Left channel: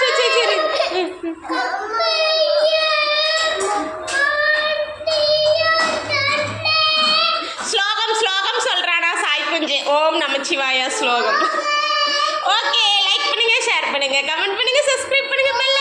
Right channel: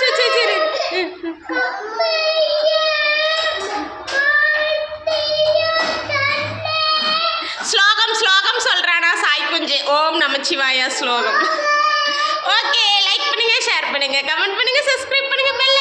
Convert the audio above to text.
சரி ஸ்லோகம் சொல்றானா சாய் குஞ்சு. ஓம் நமச்சிவாயா ஸ்லோகம். ஓகே, லைக் பண்ணுங்க, ஷேர் பண்ணுங்க, கமெண்ட் பண்ணுங்க, சப்ஸ்கிரைப் பண்ணுங்க.